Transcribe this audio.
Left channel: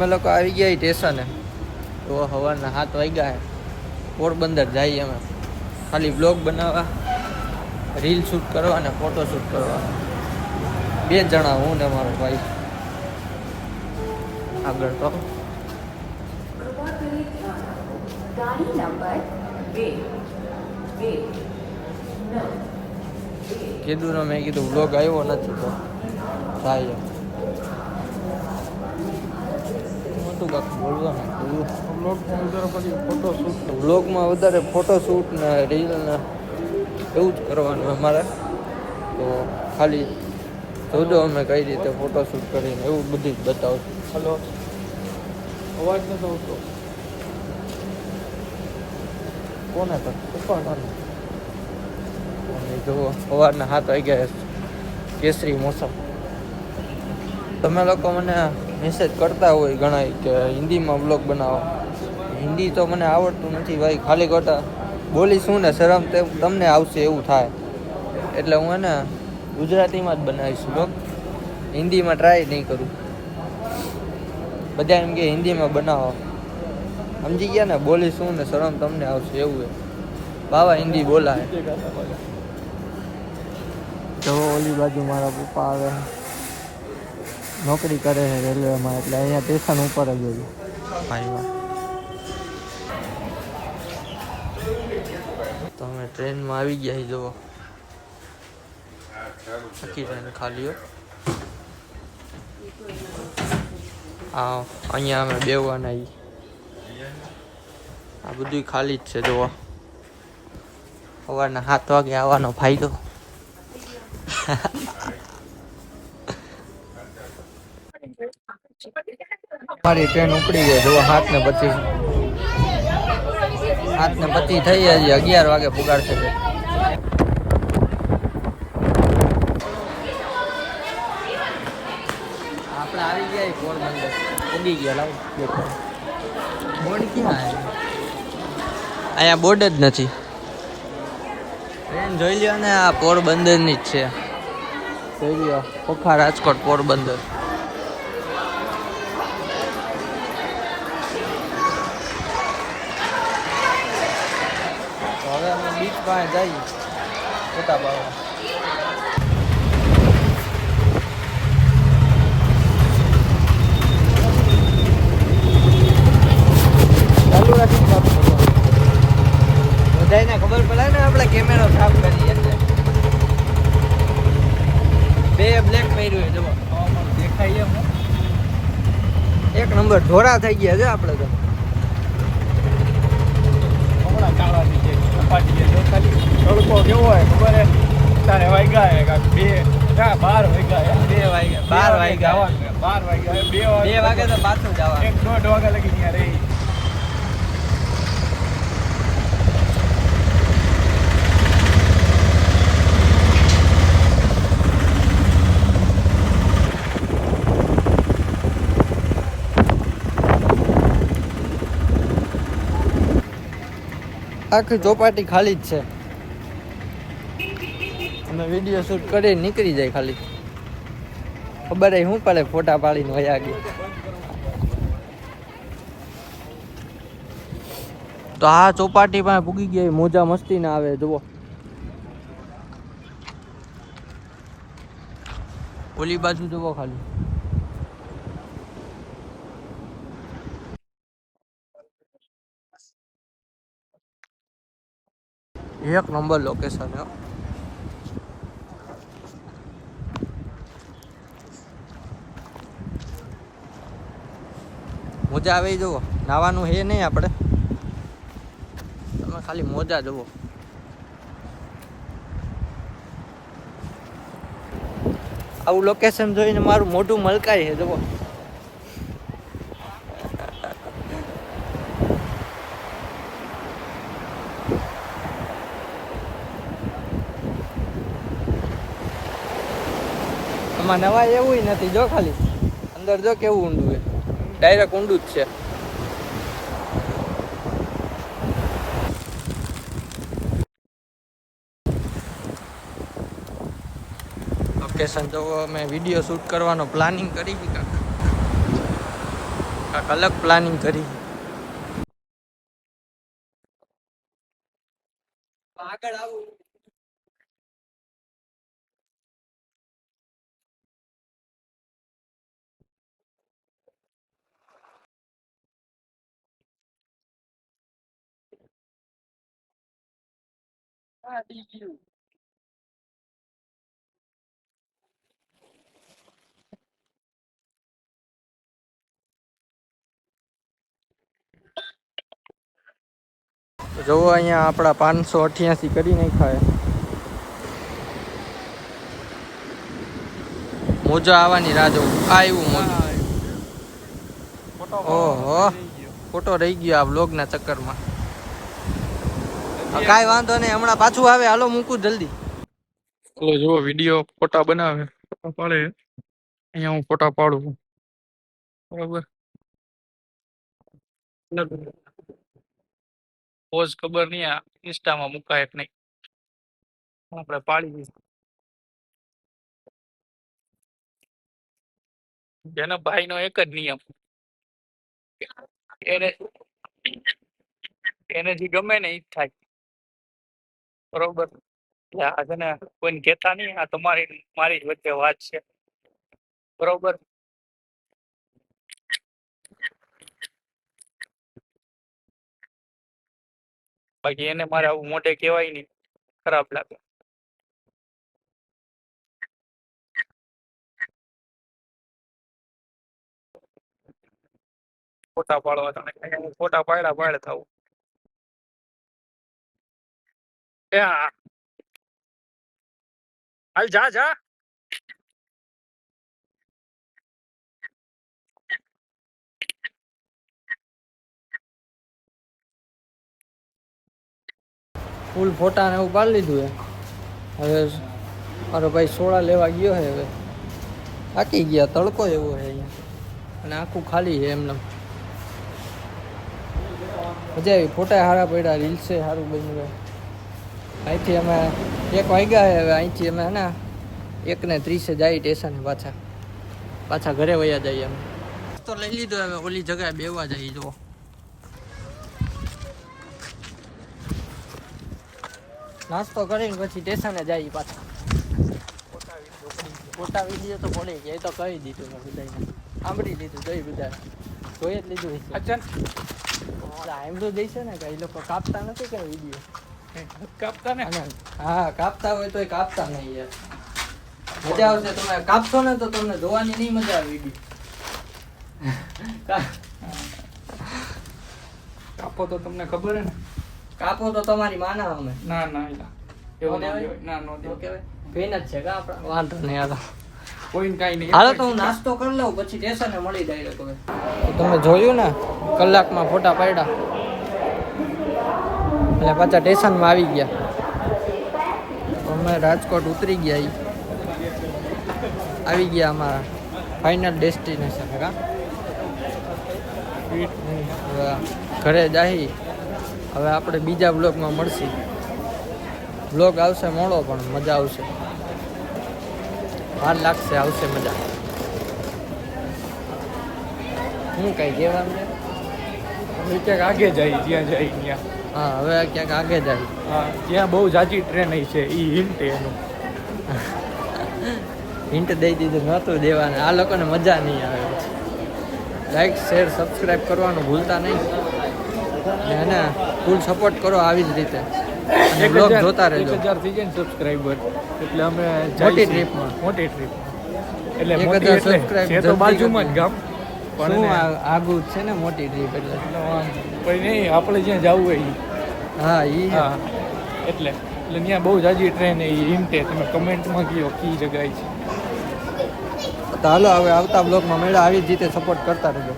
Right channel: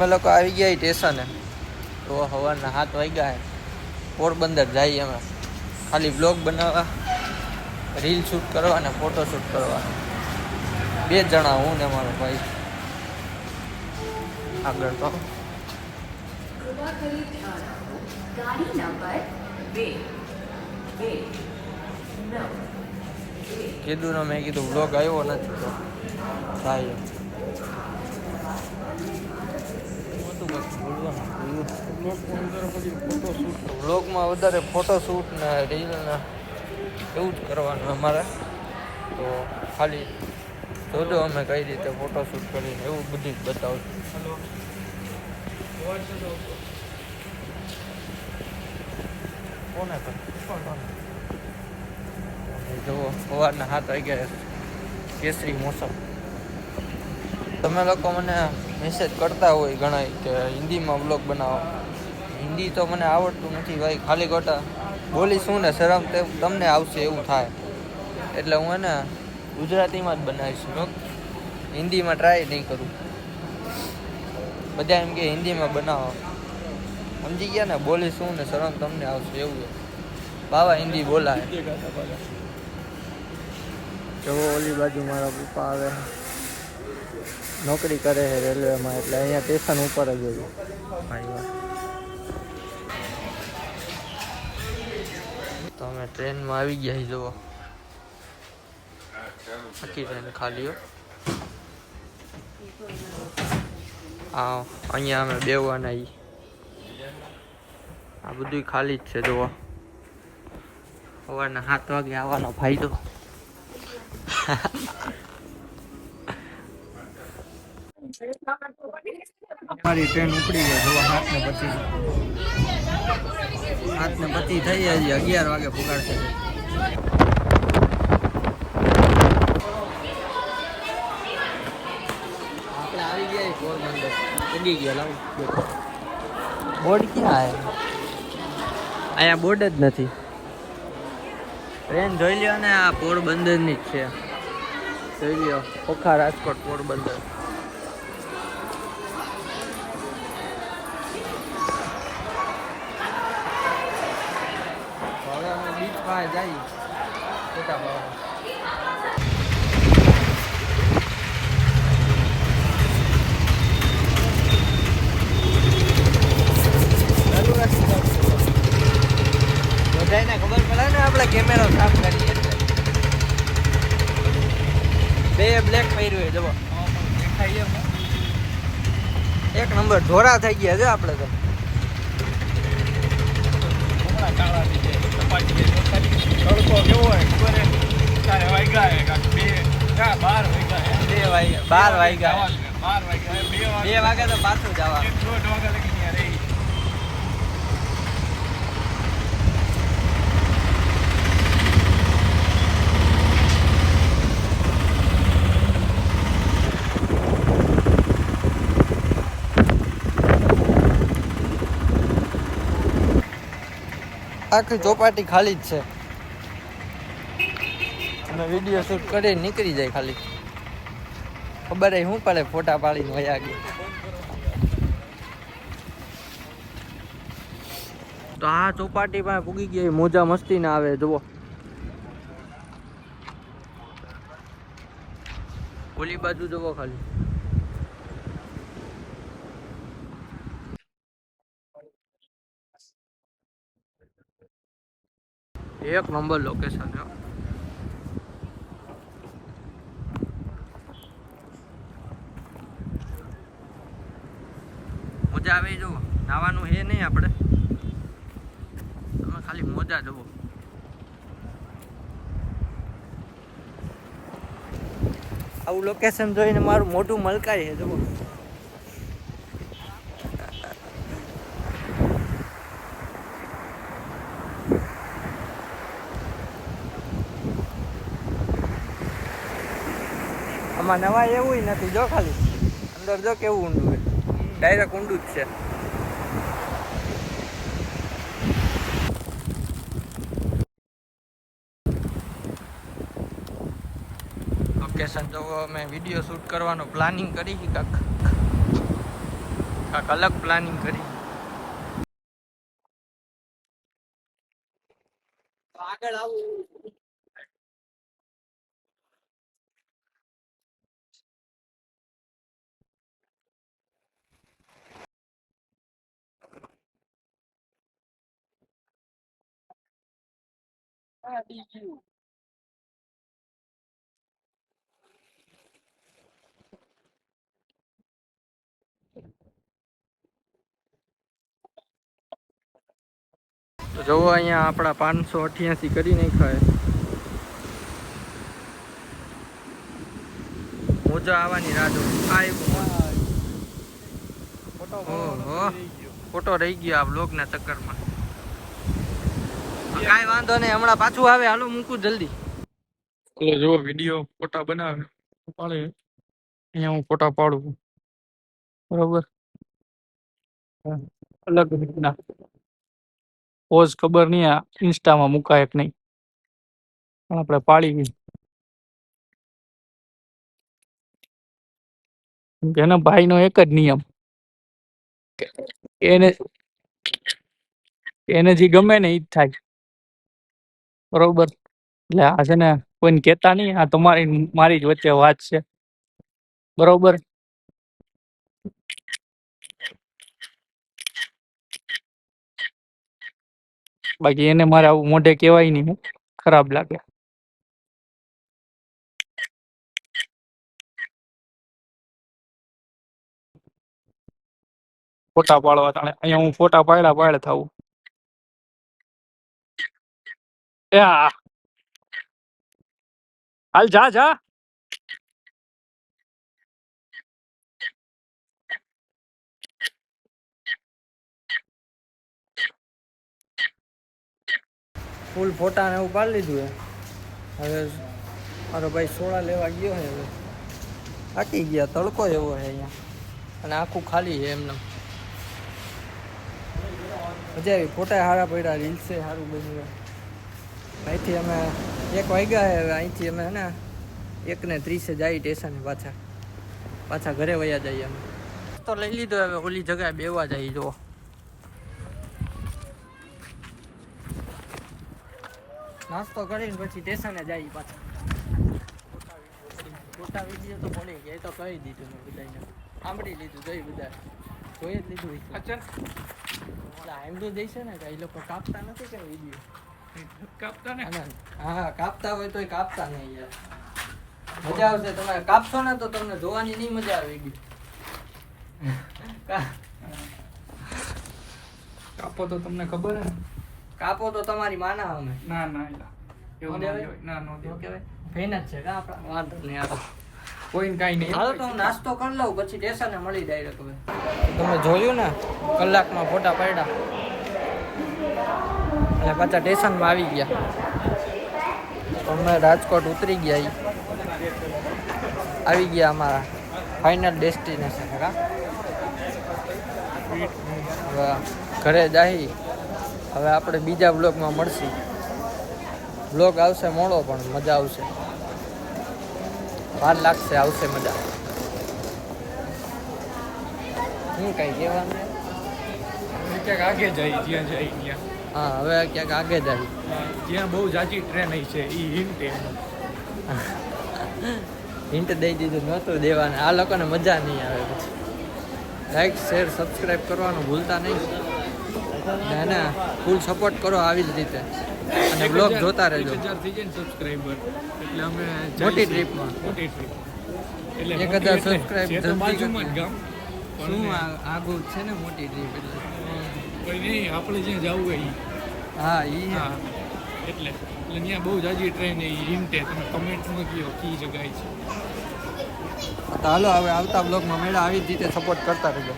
અમે લોકો આવી ગયા સ્ટેશને. તો સવારના 7 વાગ્યા છે. પોરબંદર જઈએ અમે ખાલી બ્લોગ બનાવવા, રીલ શૂટ કરવા અને ફોટો શૂટ કરવા. 2 જણા, હું ને મારો ભાઈ. આગળ તો ગાડી નંબર 2 કીધું ને, મેં કીધું બ્લોગ આવ્યો નથી તો આવ્યો. વ્લોગમાં વધારે ફોટોશૂટ ને રીલ ને એવું જ કરવાનું અમારે. તો ખાલી જોજો અમે કઈ રીતે ફોટોશૂટ કરીને એવું બધું જ બતાવું. હલો, અવાજ નથી આવતો. કોને તો કોને જુઓ, સવારના 7 વાગ્યા, કેસરી મોસમ. તમે લોકો મને મેસેજ કરતા હોય ઘણા કે હિન્દીમાં બ્લોગ બનાવો. હિન્દી તો મને આવડતું નથી ભાઈ. ખાલી ખોટા બોલી શું ને શરમ તે તમને આવશે એવું થાય. એટલે હું એને ગુજરાતીમાં જ બનાવીશ બ્લોગ. હિન્દીમાં ટ્રાય નહીં કરું. બધા એમ કે હિન્દીમાં બનાવો. સમજી ગયા ને, બોલી શું ને શરમ તમને આવશે એવું. બાવા હિન્દી બોલાય. તો ઓલી બાજુ મારા પપ્પા આવે, નોકરી કરે છે રેલવેમાં, એટલે અહીંયા સ્ટેશન ઉપર જ હોય. તો અમે ટ્રેનમાં આવી ગયા. જુઓ, આખી ટ્રેન ખાલી. હા, અહીંયા અમે બેવાના. આ બધું ખાલી જ છે. જુઓ, સવારના 7 વાગે આવવાનો ફાયદો. અમારી ટ્રેન ઉપડી ગઈ. જુઓ, 7:25 થઈ જાય. 11 વાગે પુગાડશે. આપણે આવી ગયા પોરબંદર. ઉગી ગયા. લાવ બેઠો. બોર્ડ ક્યાં આવે? અહીંયા બોર્ડ જ નથી. ટ્રેન જોઈ લ્યો ને, આ પોરબંદરની જ છે. જોઈ લ્યો, ઓખા રાજકોટ પોરબંદર. તો હવે અમે બીચ પાસે જઈએ ફોટા પાડવા. ચાલુ રાખી સાફ કરવા. બધાને ખબર પડે ને આપણે કેમેરો સાફ કરીએ એટલે. 2 બ્લેક પહેર્યું જવો દેખાય. એક નંબર ધોરા થઈ ગયા છે આપણે તો. તડકો કેવો હોય ખબર હે? 12 વાગ્યા. 12 વાગ્યા. 2 વાગે તો પાછું જવાનું. 1-1.5 વાગ્યા લગી ત્યાં રહી. આખી ચોપાટી ખાલી જ છે. અમે વિડીયો શૂટ કરી નીકળી જાય. ખાલી ખબર શું પડે, ફોટા પાડીને વયા ગયા. તો આ ચોપાટી પાસે પૂગી ગયા. મોજા મસ્તી ના આવે. જુઓ, ઓલી બાજુ જુઓ ખાલી. એક નંબર લોકેશન. મોજા આવે. જુઓ, નાવાનું હે નહીં આપણે. તમે ખાલી મોજા જુઓ. આવું લોકેશન જોઈને મારું મોઢું મલકાય છે. જુઓ, આમાં નવાય એવું નથી. જો ખાલી અંદર જો કેવું ઊંડું છે. ડાયરેક્ટ ઊંડું જ છે. લોકેશન જો અમે વિડીયો શૂટ કરવાનો પ્લાનિંગ કરી કાંક. કાંક અલગ પ્લાનિંગ કરી. આગળ આવું. તો જોવો અહીંયા આપણા 588 કરી નાખ્યા. મોજો આવવાની રાહ જોઉં. આવ્યું મોજું. ઓહો ફોટો રહી ગયો આ બ્લોગના ચક્કરમાં. કાંઈ વાંધો નહીં, હમણાં પાછું આવે. હાલો મૂકું જલ્દી. ચલો જુઓ વિડીયો ફોટા બનાવે, ફોટા પાડે. અહીંયા હું ફોટા પાડું બરોબર. અલગ રીતના પોઝ ખબર નહીં આ ઇન્સ્ટામાં મુકાય કે નહીં, પણ આપણે પાડી. એના ભાઈનો એક જ નિયમ, એને એને જે ગમે ને ઈ જ થાય બરોબર. એટલે આ છે ને કોઈને કહેતા નહીં, આ તમારી મારી જ વચ્ચે વાત છે બરોબર. બાકી એને મારે આવું મોઢે કહેવાય નહીં, ખરાબ લાગે. ફોટા પાડવા તાણે અહીંયા હું ફોટા પાડે થાવું. એ હા હાલ જા જા. ફૂલ ફોટા ને એવું પાડી લીધું. હવે મારો ભાઈ સોડા લેવા ગયો છે. હવે થાકી ગયા, તડકો એવો છે અહીંયા અને આખું ખાલી છે એમને. મજા આવી, ફોટા સારા પડ્યા, રીલ્સે સારું બન્યું. અહીંથી અમે 1 વાગ્યા છે. હવે અહીંથી અમે હે ને 1:30 જાય સ્ટેશને પાછા ઘરે વયા જઈએ અમે. તો લઈ લીધો, હવે ઓલી જગ્યાએ બેવા જઈએ. જુઓ નાસ્તો કરીને પછી સ્ટેશને જઈએ પાછા. ફોટા વિડીયો તો પડે છે, એ તો કહી દીધું મેં બધાને, સાંભળી લીધું. જોઈ બધા જોઈ જ લીધું છે. એમ તો જઈશે ને કે એ લોકો કાપતા નથી કે વિડીયો કાપતા ને. હા કાપતા હોય તો કાપતા નહીં યાર. મજા આવશે. તમે કાપશો ને તો તમને જોવાની નહીં મજા આવે વિડીયો. કાપો તો તમને ખબર હે ને. કાપો તો તમારી માના અમે. ના ના એવું દેવાય? ના નો કહેવાય ફેન જ છે કા આપણા. વાંધો નહીં હાલો. કોઈ કાઈ નહીં. હાલો તો હું નાસ્તો કરી લઉં પછી સ્ટેશને મળી ડાયરેક્ટ. હવે તો તમે જોયું ને કલાકમાં ફોટા પાડ્યા અને પાછા સ્ટેશનમાં આવી ગયા. અમે રાજકોટ ઉતરી ગયા. આવી ગયા અમારા ફાઇનલ ડેસ્ટિનેશન. હા હવે ઘરે જાહી. હવે આપણે બીજા બ્લોગમાં મળશી. બ્લોગ આવશે મોડો પણ મજા આવશે. વાર લાગશે, આવશે મજા. હું કઈ કહેવાનું? ક્યાંક આગે જાય જ્યાં જાય ત્યાં. હા હવે ક્યાંક આગે જાય. હા જ્યાં બહુ જાજી ટ્રેન છે એ હિન્ટ એનું. હિન્ટ દઈ દીધું, નહોતું દેવાને. આ લોકોને મજા નહીં આવે. પછી લાઈક શેર સબસ્ક્રાઈબ કરવાનું ભૂલતા નહીં ને એને ફૂલ સપોર્ટ કરો આવી જ રીતે. અને બ્લોગ જોતા રહેજો. 1000 થઈ જાય ને સબસ્ક્રાઈબર એટલે અમે મોટી ટ્રીપમાં એટલે 1000 સબસ્ક્રાઈબ છે તો જલ્દી બાજુમાં જ ગામ. શું આગું જ છે ને મોટી ટ્રીપ એટલે. પછી નહીં આપણે જ્યાં જવું હોય ઈ. હા ઈ હા એટલે ત્યાં બહુ જાજી ટ્રેન એ હિન્ટે તમે કમેન્ટમાં કહો કઈ જગ્યાએ છે. તો હાલો હવે આવતા બ્લોગમાં મેળા આવી જ રીતે સપોર્ટ કરતા રહેજો.